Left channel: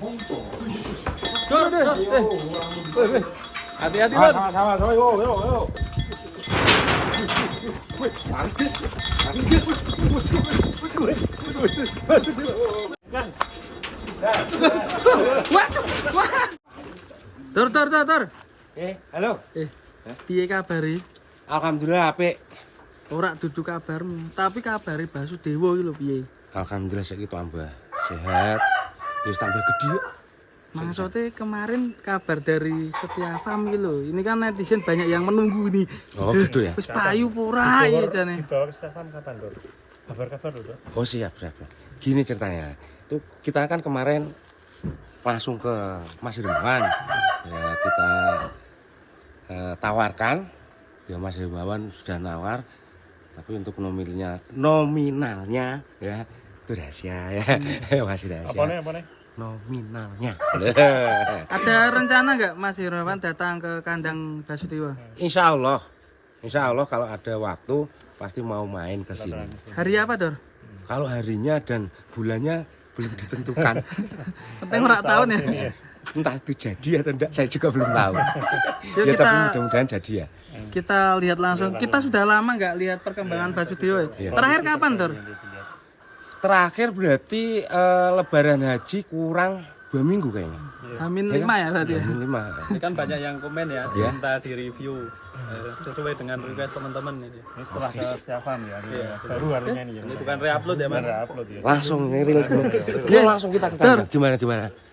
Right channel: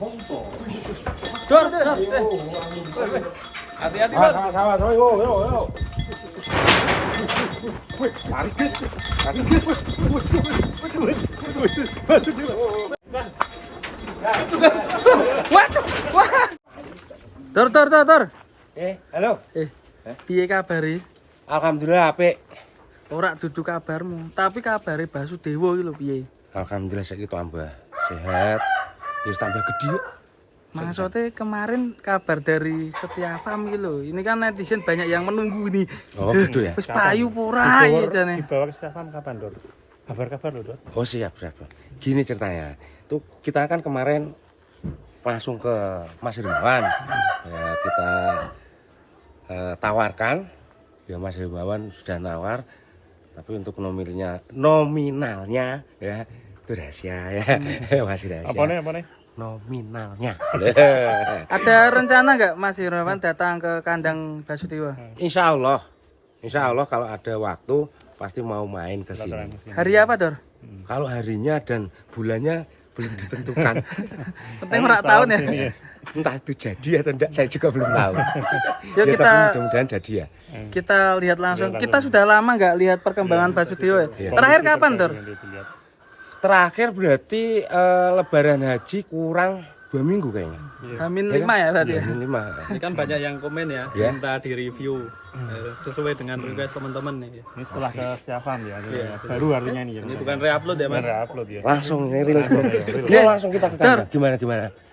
Dor. Hati-hati, Dor. Sama-sama, yo. Wih, tarik guys. Wah. Dor. Halo. Piye kabare? Alhamdulillah apik. Ora dudu kabarmu, tapi kabare Basudewa iki lho piye? Alhamdulillah saiki tambah sehat. Ya tambah gede yuk. Maksudnya kemarin kabar dari Setiafam iki lho. Ini kan netizen banyak yang menunggu ini. Oh, gitu ya. Wis payu pura iki jane. Dibawa ke Setiafam kapan, Dor? Kabar-kabar loh, Dor. Oh, siap. Gini ceritanya. Itu kita kan kemarin langsung ke Mas Rimawan. Ya, kita tawarkan. Ya Mas Rimawan sudah nawar. Tapi untuk nominalnya ya itu rahasia ya. Masih rahasia. Apa nih? Nominalnya. Ada rencana nggak Mas Irwan datang ke kandang Basudewa? Insya Allah kalau ada waktu pasti mau main ke sini. Hari apa, Dor? Kalau harinya dan bulannya belum ditentukan. Penting ora tahun ya. Entah itu jadi atau enggak saya juga belum tahu. Yuk Ya, kita tapi mudah-mudahan jadi ya. kita lihat langsung. Kita sudah lama nggak lihat perkembangan Basudewa ya. Iya. Terakhir kapan, Dor? Terakhir berarti Lebaran Haji kurang 2 minggu kayaknya. Hamin Ya 5 kan? ya berarti ya. Hamin 5. Ini kan banyak yang komen ya, Ya. minta di review sesuai dengan request teman-teman ini. Ini setelah ke Setiafam ya. Baru artinya ini ya. Ini bukan re-upload ya, Mas. Upload ya. Langsung real gimana? Ya langsung kita ke kandang. Gimana?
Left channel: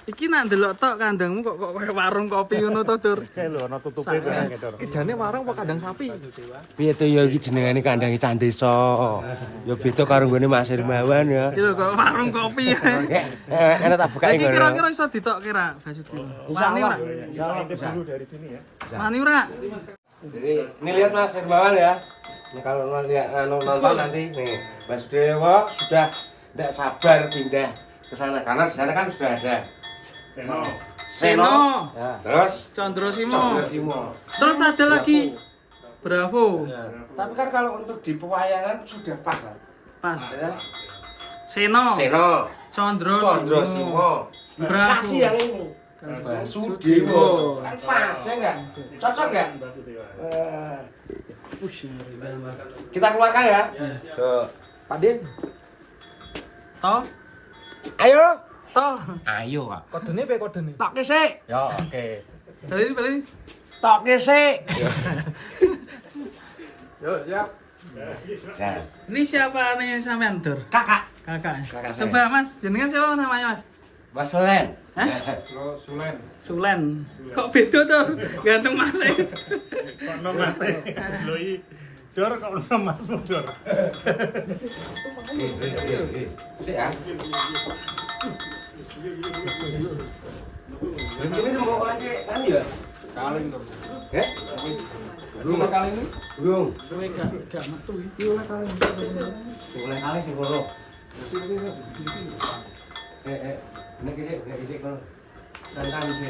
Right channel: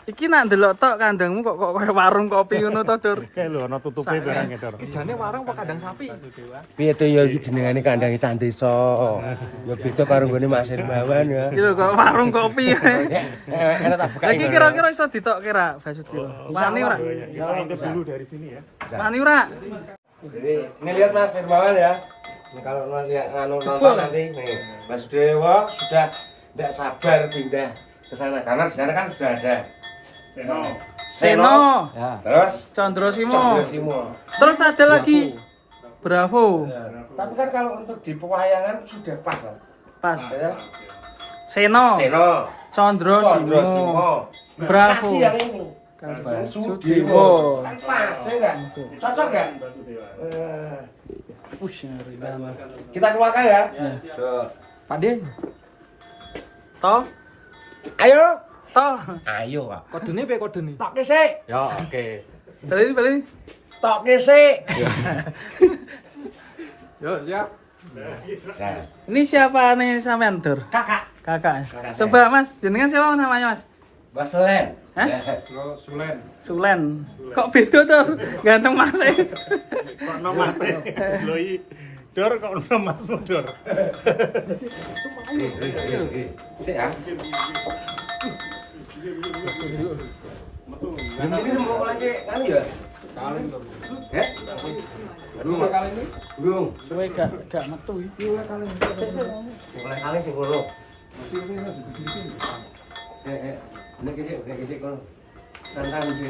Iki nak ndelok tok kandangmu kok kayak warung kopi ngono to, Dor. Kayak lho, ono tutupe gitu. Jane warung apa kandang sapi? Piye to ya iki jenengane kandange Candesa. Ya beda karo nggone Mas Irmawan ya. Gitu kok warung kopi. Enak tak buka. Lagi kira-kira iso ditok kira Basudewa. Wani ora? Ya lanjut dulu dari sini ya. Wani ora? Jadi ini lihat Mas Irmawan ya. Ini kalau nonton nanti nih Mas Dewa sudah tidak sabar pindah ke sana karena di sana kan sudah ada Seno, ya. Terus Condro Simo. Chandra Simo. Terus ada lagi Bravo. Ya. Tapi kan kalau untuk di pewayangan sudah pas kan? Pas. Ya. Seno, Seno, Condro Chandra Simo. Simo. Bravo. Kasih yang ini. Basudewa. Kan pas, ya enggak? Cocok enggak? Ngeri banget. Kita keluarkan ya. Tuh. Pade. Toh, Ayo. toh. Ayo, Pak. Kodene piye kodene? Tok sik. Ya, oke. Balik. Tok sik. Yo, ya. Ini siapa nih sampean, Dor? Kakak. Kakak. Kakak saya. Coba Mas, jenengan siapa namanya, Mas? Mas Len. Hah? Sulen. Sulen. Kok beda, Dor? Ganteng Mas. Kok no Mas. Lho iki Dor kok no Mas Dor. Sik ya. Ini mau lagi kan ya? Kaling to. Ya? Belum kali ini? Belum. Suwe gak metu iki. Mulai kali sih bro. Nek kisik kon. Tangkap sih.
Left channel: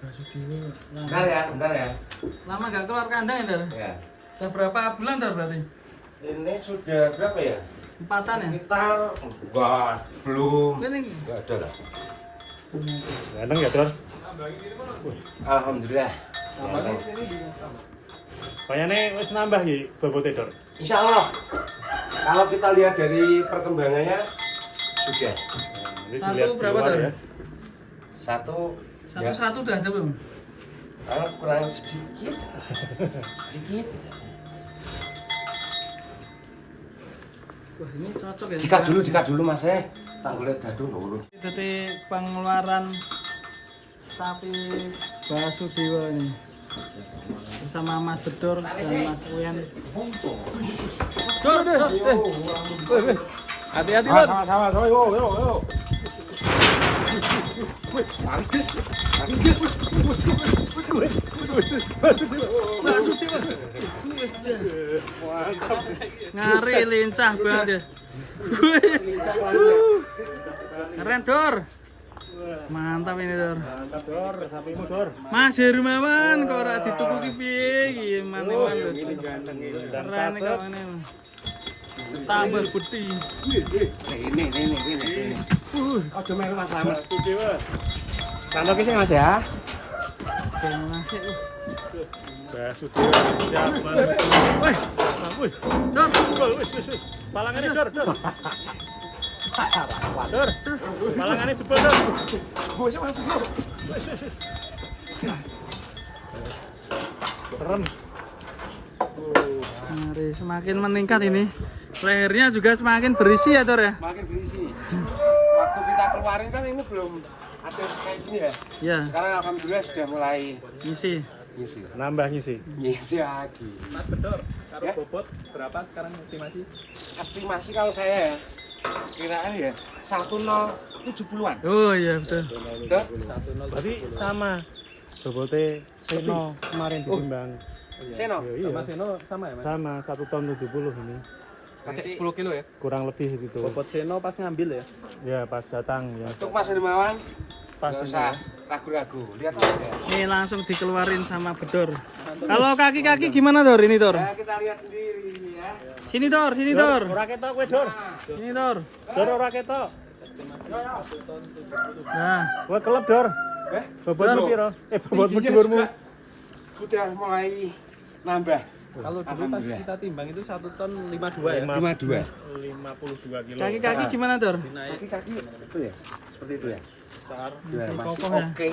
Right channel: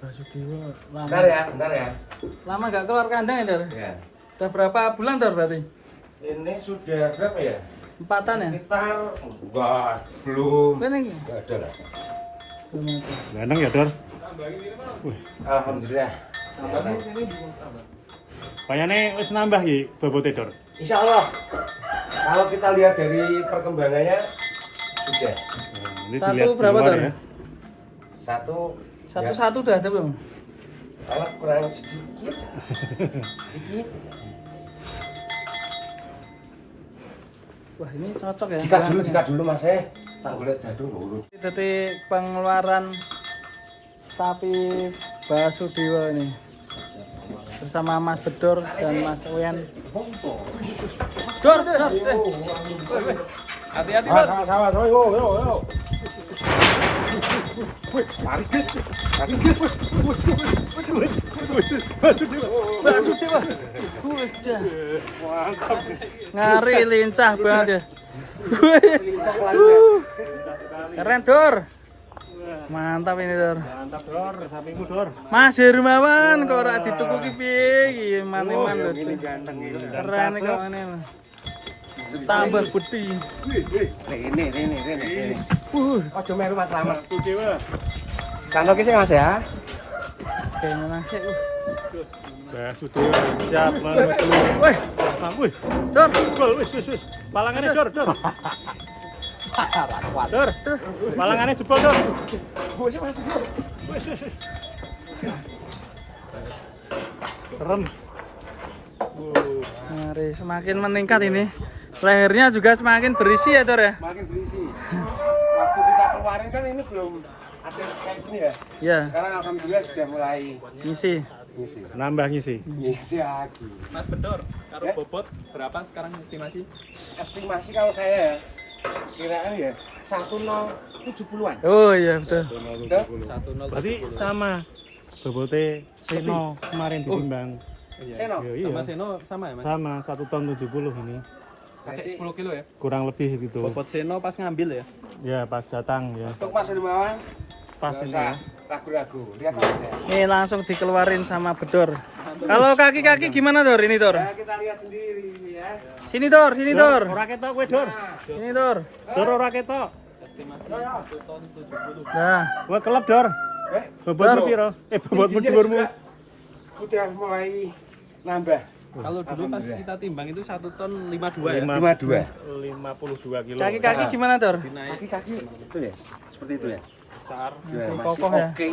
Basudewa. Bentar ya. Lama gak keluar kandang ya, Dor? Ya. Udah berapa bulan, Dor, berarti? Ini sudah berapa ya? 4-an ya? Sekitar enggak, belum. Ini Enggak ada lah. Ganteng ya, Dor. Alhamdulillah. Kayaknya wis nambah ya bobote, Dor. Insya Allah. Kalau kita lihat dari perkembangannya sudah. Ini Satu dilihat berapa, di luar Dor? ya. Satu. Satu-satu udah ada belum? Kalau kurang sedikit. Wah, ini cocok ya. Jika dulu Mas tak boleh dadu dulu. Jadi pengeluaran sapi Basudewa ini bersama Mas Bedor dan Mas Uyan. Dor. Hati-hati, Dor. Sama-sama, yo. Wih, tarik guys. Basudewa. Ngari lincah banget ya. Keren, Dor. Mantap ini, Dor. Mantap, Dor. Sapiku, Dor. Mas Hermawan kok ora dituku ki piye iki? Man-man lho. Keren kok ngene lho. tambah putih. Ini. Ojo melu Mas Slamet. Sudewa. Sandok iki Mas ya. Kayaknya nasi. Ya Sudewa. Siap banget. Wih, Wih. Dor. Wis. Palangannya Dor. Dor. Palangannya jebol Dor. Bos Mas. Wis. Keren. Mari, semakin meningkat ini. Lehernya juga semakin berisi ya, Dor ya? Makin berisi. Waktu kita keluarin kan ini belum ada kayak gini ya. Iya, Sekarang alhamdulillah sudah mulai ngisi. ngisi. Nambah ngisi. Ngisi lagi. Mas Bedor, kalau Ya? bobot berapa sekarang estimasi? Estimasi kalau saya ya, kiraan ya 1070-an. Oh iya betul. Betul? Berarti sama bobotnya Seno kemarin ditimbang. Seno. Iya. Sama Seno sama ya Mas? Sama 1 ton 70 ini. Kacek Berarti 10 kilo ya? Kurang lebih gitu. Bobot Seno pas ngambil ya? Ya pas datang ya. Untuk Mas Hermawan, Pas nggak ini. usah ragu-ragu. Lihat aja. Ini langsung dikeluarin sama Bedor. Kalau kaki-kaki gimana, Dor? Ini, Dor. Ya, kita lihat sendiri ini ya. Sini, Dor. Sini, Dor. Ora ketok kowe, Dor. Sini, Dor. Dor ora ketok. Nah, Kowe kelep, Dor. Bobot Dor. piro? Bobot Tingginya dhuwurmu. juga sudah mulai nambah. Kalau dulu pas Alhamdulillah. kita timbang itu 1 ton 52 ya? 52. 52 kilo. kaki-kaki gimana, Dor? Dinaik Kaki-kaki itu ya, seperti itu ya. besar. Masih kokoh ya. Oke.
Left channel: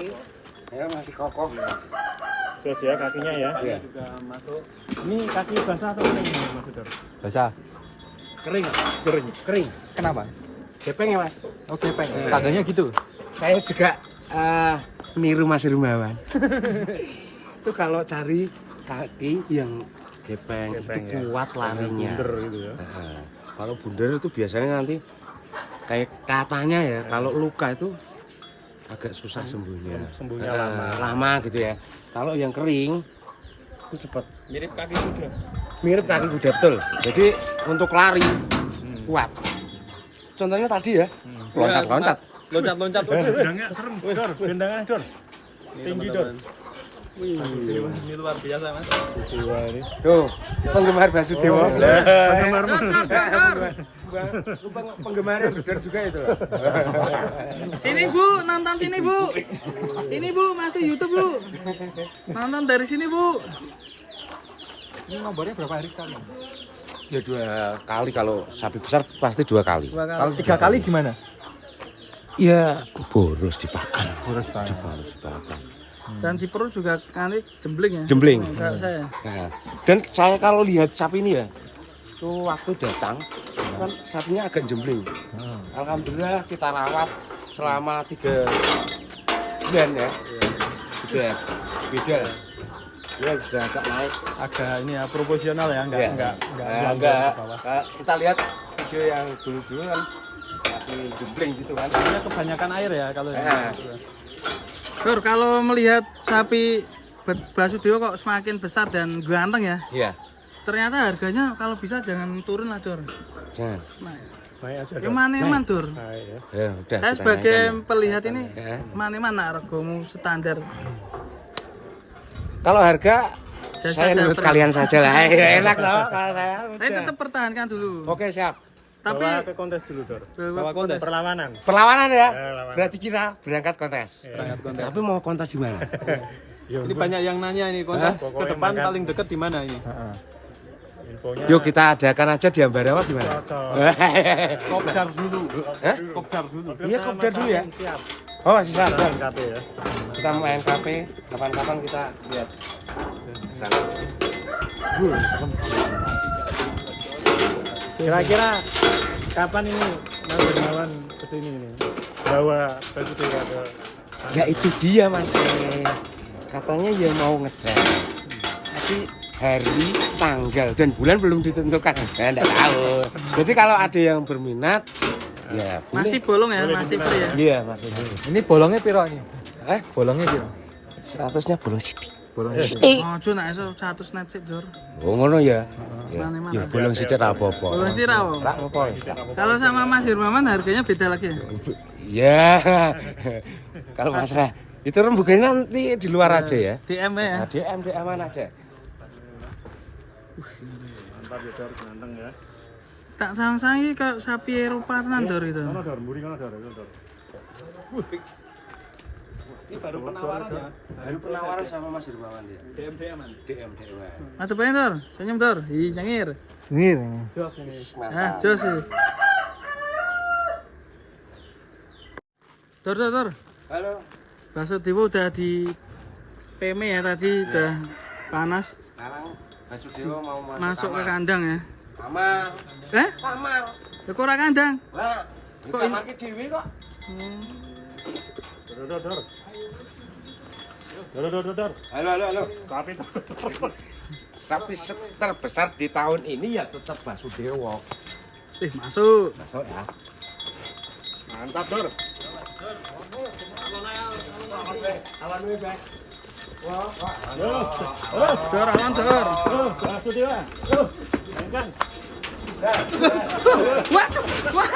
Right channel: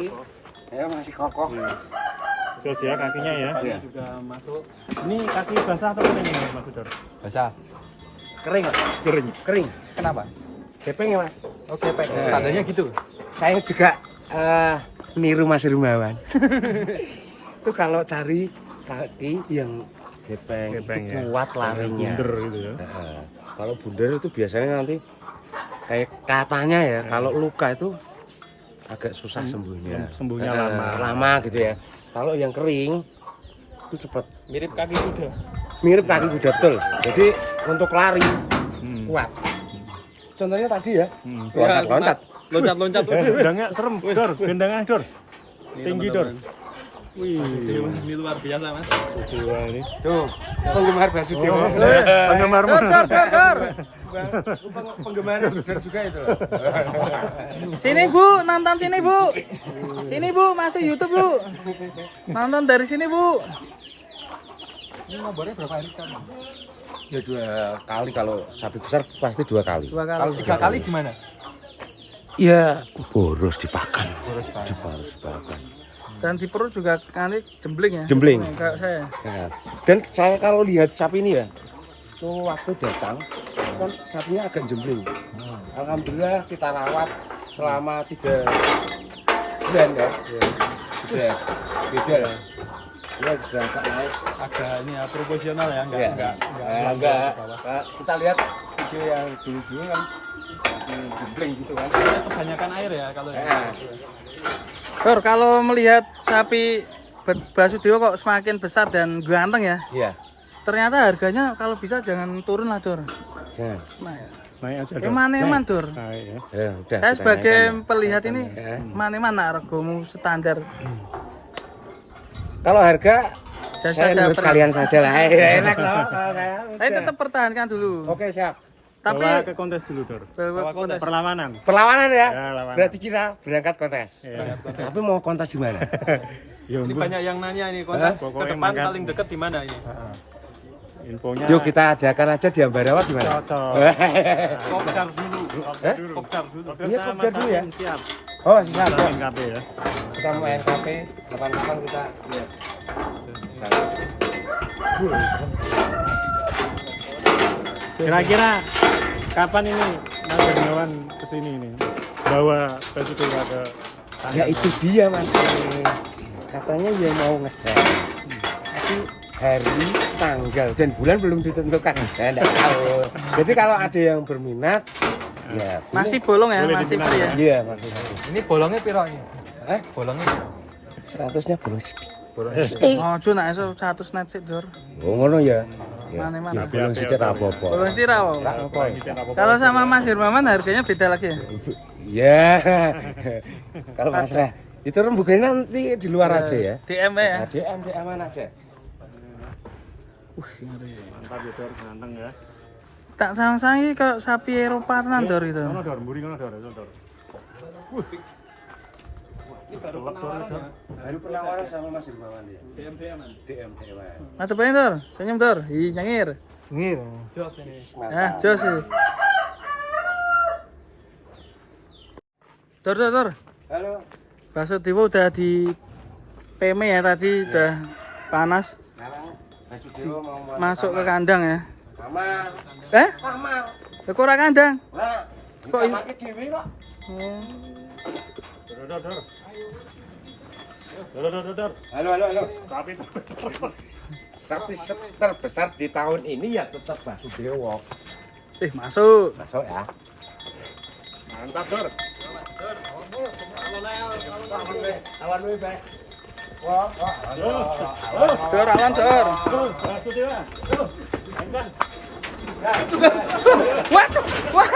Ya masih kokoh. Terus ya kakinya ya. Iya. Juga masuk. Ini kaki basah apa kering Mas Dor? Basah. Kering, Mas. Kering. Kering. Kenapa? Gepeng ya, Mas. Oke, Pak. Nah. Tandanya gitu. Saya juga niru Mas Rumawan. Itu kalau cari kaki yang gepeng itu Gepeng, ya. kuat larinya. Bunder gitu ya. Heeh. Kalau bundar itu biasanya nanti kayak katanya ya, kalau luka itu agak susah sembuhnya. Sembuhnya Lama gitu ya. Kalau yang kering itu cepat. Mirip kaki kuda. Mirip kaki kuda betul. Jadi untuk lari Hmm. kuat. Contohnya tadi ya, Hmm. loncat-loncat. Loncat-loncat. Udangnya serem. Wih, Dor, gendangnya Dor. Tinggi Dor. Ini luar biasa, Mas. Dewa ini. Tuh, penggemar Basudewa. Penggemar Dor, Dor, Dor, Dor. Penggemar Budar juga itu. Sini, Bu. Nonton sini, Bu. Sini, Bu. Masuk YouTube, Bu. Nonton dari sini, Bu. Ini nomornya berapa hari sekali? Ya 2 kali, kalau sapi besar pasti 2 kali. 2 kali. Kalau 3 kali gimana? Ya boros dipakan. Boros dipakan. Boros dipakan. Dan di perut juga nanti jembling ya. Jembling. Kayak saya. Nah, dan saya kalau lihat sapi ini ya, tuh waktu datang kan sapinya agak jembling. Alhamdulillah kita rawat selama 3 bulan ya. Sudah beda lah. Ya sudah agak naik. Agak ini ya proporsional ya, Ya. enggak Enggak. Kita lihat video yang dulu-dulu kan masih jembling gitu kan. kebanyakan air ya kalau Nah, Dor, kalau melihat sapi Basudewa kok semakin besar dan ganteng ya. iya. Ternyata harganya kalau bisa jangan turun lah, Dor. Jangan. Nah, Naik aja, Dor. eman-eman, Dor. Nah, iya. Ya, udah. Saya kita sebagai naikkan pelihat ini, ya. mana-mana regomu standar. Kalau harga Saya saya menurut per- kalian saja lah. Ya, enak loh kalau saya. Saya udah. tetap pertahankan dulu. Oke, siap. Tapi Bawa ke kontes dulu, Dor. bawa kontes. Perlawanan. Perlawanan ya. Perlawanan. Berarti kita berangkat kontes. Tapi mau kontes di mana? Ya, Ini banyak yang nanya ini kontes ke depan paling dekat di mana ini? infonya. Yuk kita adakan aja di Ambarawa di mana? Cocok. Kopdar dulu. Hah? Kopdar dulu. Iya, kopdar dulu ya. Siap. Oh, siap, siap. NKP ya. Kita mau NKP, kapan-kapan kita lihat. Kira-kira kapan ini mau berjalan ke sini nih? Bawa ke situ berapa? Ya itu dia Mas. Katanya ya mau ngecek. Tapi hari, tanggal dan bulan belum ditentukan. Ya enggak tahu. Jadi kalau ada yang berminat ya boleh. masih bolong ya, masih free ya. Iya, masih. Ini bolongnya piro ini? Bolongnya piro? 100-nya bolong sidik. Bolongnya Oh, Jun, nah, iso 100 net sih, Jor. Oh, ngono ya. Ya, Mana-mana. ya, bolong sidik ra apa-apa. Bolong sih rawo. Ra apa. Kalau sama Mas Hirmawan harganya beda lagi ya. Ya. Kalau Mas Rah, itu rembuganya nanti di luar aja ya. DM ya. Nah, DM aja. Ntar ya, Dor, ganteng ya. Tak sang-sang iki kayak sapi Eropa tenan Dor gitu. Mana Dor? Mburi mana Dor? Dor. Ini baru penawaran ya. Baru penawaran sama Mas Hermawan dia. DM. DM. Mantep aja Dor, senyum Dor. Hi nyengir. Nyengir. Jos ini. Ah, jos sih. Dor. Halo. Bakso Dewa udah di PM ya tadi udah panas. Sekarang Basudewa mau Masuk ke kandang ya. Kamar. Kamar. Ya kok ora kandang? Nah, Kok kok ini- pakai dewi kok? Dor. Halo. Sapi itu. Tapi terbesar di tahun ini ya tetap Basudewa. Masuk. Masuk ya. Mantap Dor. Awan lu baik. Wah, Dor, awan Dor. Bakso Dewa. Makan. Waduh, wah.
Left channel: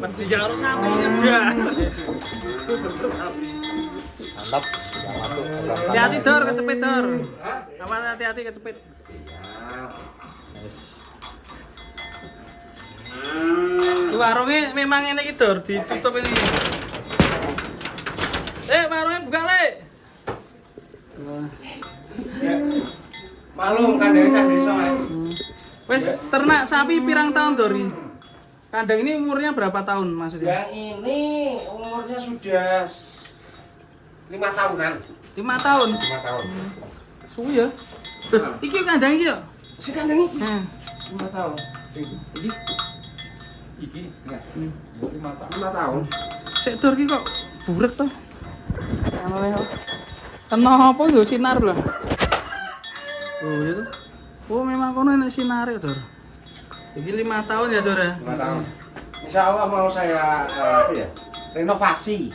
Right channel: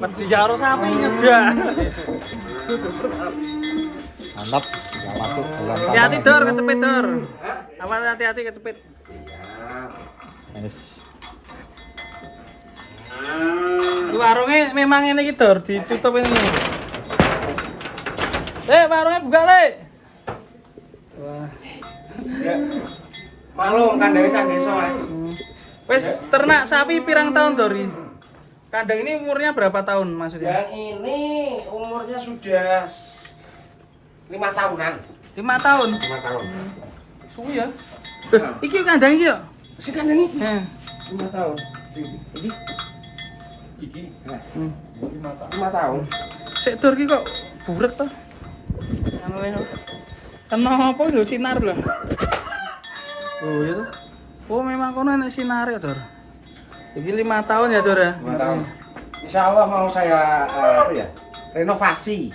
Mesti jaro sapi ngedah. Hati-hati Dor, kecepit Dor. Awas hati-hati kecepit. Warungnya memang ini gitu, Dor, ditutup ini. Warungnya buka, Le. Wah. malu kandangnya sak desa, Mas. Wes ternak sapi pirang tahun Dori? Kandang ini umurnya berapa tahun maksudnya? Yang ini umurnya sudah 5 tahunan. 5 tahun. 5 tahun. Suwi ya. Iki kandang iki ya? Si kandang ini Nah. 5 tahun. Ini Iki. 5 tahun. Sik Dor iki kok buret to. Kenapa yo sinar lho. Oh iya tuh. Oh memang kono enak sinar ya Dor. Iki 5 tahun ya Dor ya. 5 tahun. Insya Allah mau saya apa ya? Renovasi.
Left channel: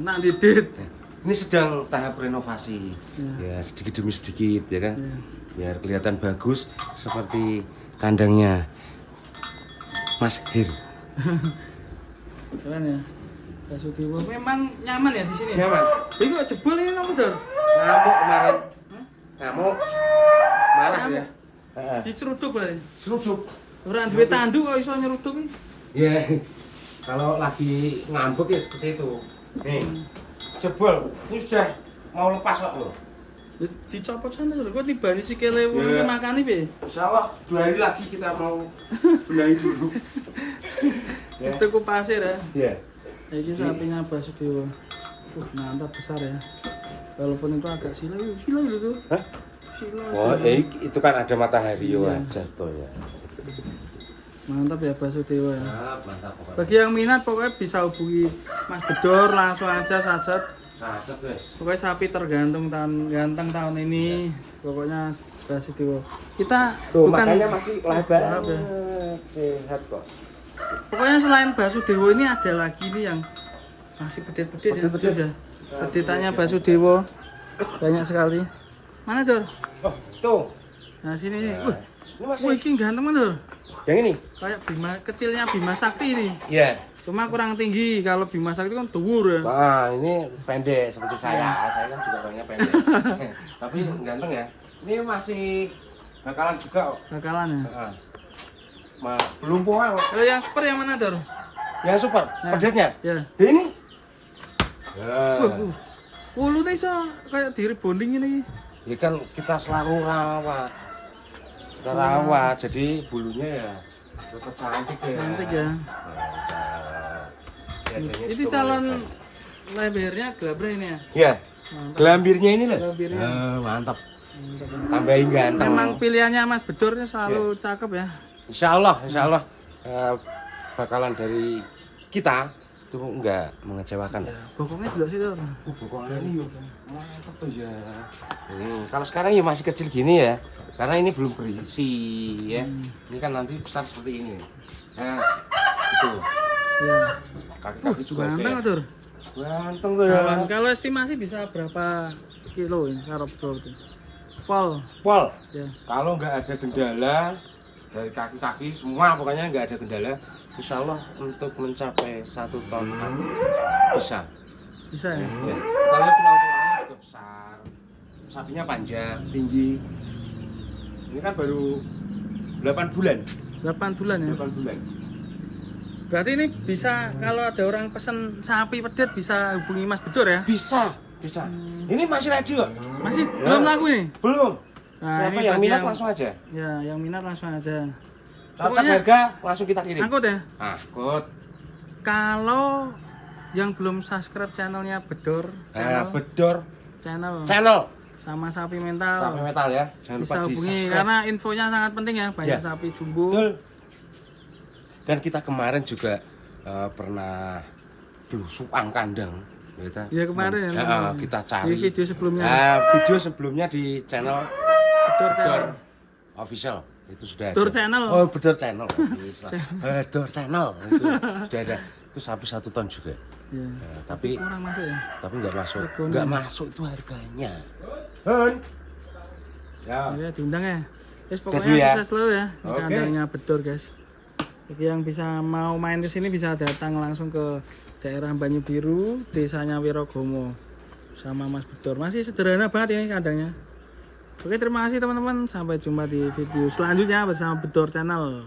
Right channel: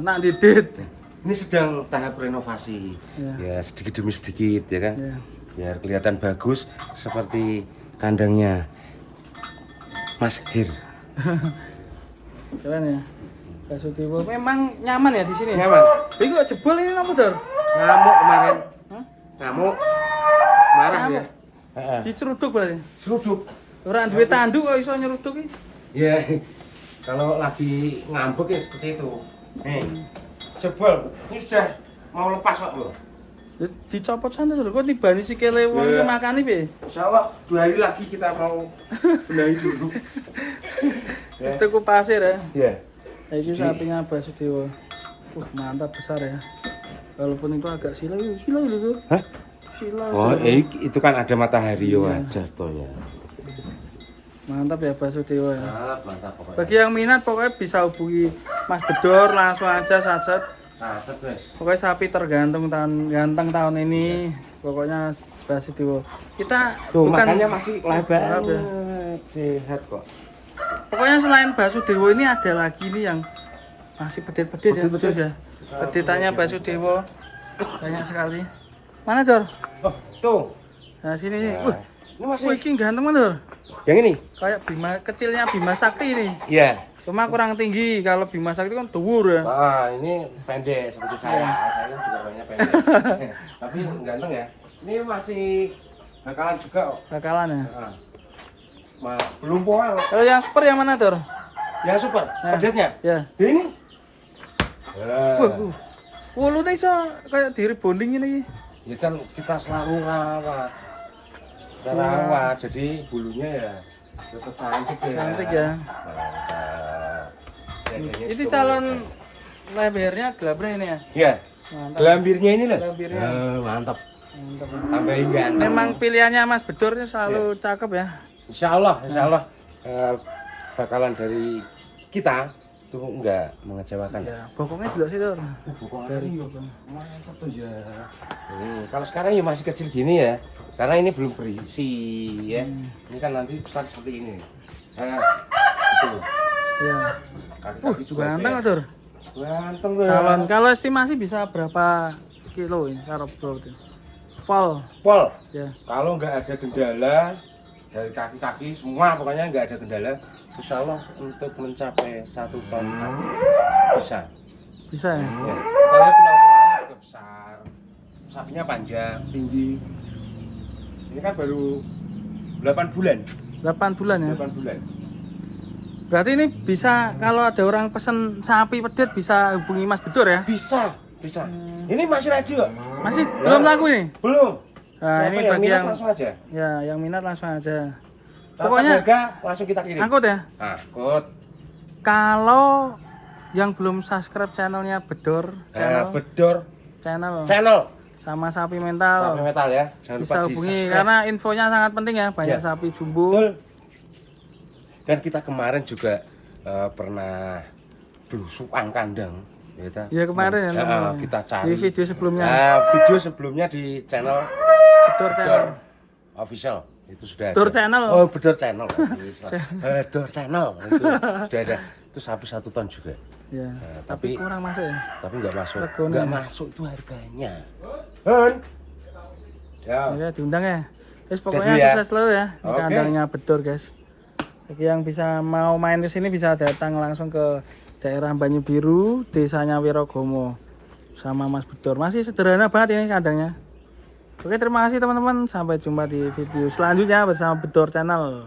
Nak didit. Ini sedang tahap renovasi. Ya. Ya sedikit demi sedikit ya kan. Ya. Biar kelihatan bagus seperti kandangnya Mas Hir. Keren ya. Basudewa memang nyaman ya di sini. Nyaman. Iki kok jebol ini apa Dor? Ngamuk kemarin. Hah? Ngamuk. Marah Ngamuk? ya. Heeh. Diceruduk berarti. Seruduk. Ora duwe tanduk kok iso nyeruduk iki. Ya. Kalau lagi ngambek ya seperti itu. Nih. Jebol. Ini sudah mau lepas kok loh. Ya, dicopot sana Dor. Kok tibani sikile wong iki Ya. makani piye? Insya Allah 2 hari lagi kita mau benahi dulu. Ya. Itu ku pasir ya. Ya. Iki sapinya Basudewa. Mantap besar ya. Walaupun itu agak sila itu tuh. Hah? Sila. Oh, Dor. itu kan ada matahari Iya. ya jatuh ya. Mantap ya Basudewa ya. Mantap pokoknya. Bagi yang minat pokoknya bisa hubungi Mas Bedor langsung aja sajet. Saset wes. Pokoknya sapi tergantung ganteng tahun ini. Pokoknya Basudewa. Kita Tuh, bukan makanya masih lebar. Maaf ya. Sehat kok. Pokoknya selain Basudewa ini ada lagi nih yang masih pedit-pedit ya betul ya. Peditannya Basudewa banyak sekali. Mana Dor? Oh, tuh. Nah sini nih. Ini masih. Wah ini ganteng banget Dor. Yang ini? Kayak Bima kecilnya Bima Sakti ini. Iya. Cuma kurang tinggi. Kalau Bima Sakti kan dhuwur ya. Wah, ini pendek seperti saya. Saya kan juga banyak pendek. Tapi ganteng ya. Ini masih bakalan juga kok. Bakalan ya. Heeh. Belum poel. Kalau yang super yang mana Dor? Yang super. Nah. Pedetnya. Ya. Ini. Ya. Wulunya iso kayak diri bonding ini. Ya kan kita selalu rawat. Kita rawat, jadi bulunya ya tetap cantik ya. Cantik ya. Mantap. Biasanya Ini juga calon mantap. lebarnya gelabra ini ya. Ya, Mantap. gelambirnya ini loh. Gelambirnya. Mantap. Mantap. Tambahin ganteng. Memang pilihannya Mas Bedor ini selalu cakep ya. Insya Allah bakalan dari kita itu enggak mengecewakan. Ya, bokongnya juga sih Dor. Pokoknya ini mantap tuh ya. Kalau sekarang ya masih kecil gini ya, karena ini belum berisi ya. Ini kan nanti besar seperti ini. Nah, itu. Ya. Kaki-kaki juga Ganteng kayak- Dor. Ganteng tuh ya. Calon kalau estimasi bisa berapa kilo ini karo berarti? Pol. Pol, Ya. kalau nggak ada kendala dari kaki-kaki semua pokoknya nggak ada kendala, insya Allah untuk mencapai 1 ton bisa. Bisa ya. Ya. Kita lihat tulang-tulangnya juga besar, sapinya panjang, tinggi. Ini kan baru 8 bulan. 8 bulan ya. 8 bulan. Berarti ini bisa kalau ada orang pesen sapi pedet bisa hubungi Mas Bedor ya? Bisa. Ini masih radio. Masih belum laku ini? Belum. Nah, Siapa ini yang bagi minat yang langsung aja. ya yang minat langsung aja. Pokoknya Pokoknya harga langsung kita kirim. angkut ya. Angkut. Kalau yang belum subscribe channelnya Bedor Bedor channel channel sama sapi mental Sapi Metal ya. Jangan bisa lupa hubungi di-subscribe. karena infonya sangat penting ya, banyak Ya. sapi jumbo. Betul. Dan kita kemarin juga pernah belusuan kandang. Ya kemarin ya, kita cari di video sebelumnya video sebelumnya di channel Bedor channel. official itu sudah Bedor ada. channel. Oh, Bedor channel. Bedor channel itu sudah ada. Itu sapi 1 ton juga. Ya, tapi tapi kurang masuk ya. Tapi nggak masuk. Regonya. Nggak masuk itu harganya. Hun. Ya. Ya diundang ya. Terus Udah pokoknya dulu ya. sukses selalu ya di Oke. kandangnya Bedor guys. Bagi yang bisa mau main ke sini bisa datang langsung ke daerah Banyu Biru, desanya Wirogomo sama Mas Bedor. Masih sederhana banget ini kandangnya. Oke, terima kasih teman-teman. Sampai jumpa di video selanjutnya bersama Bedor Channel.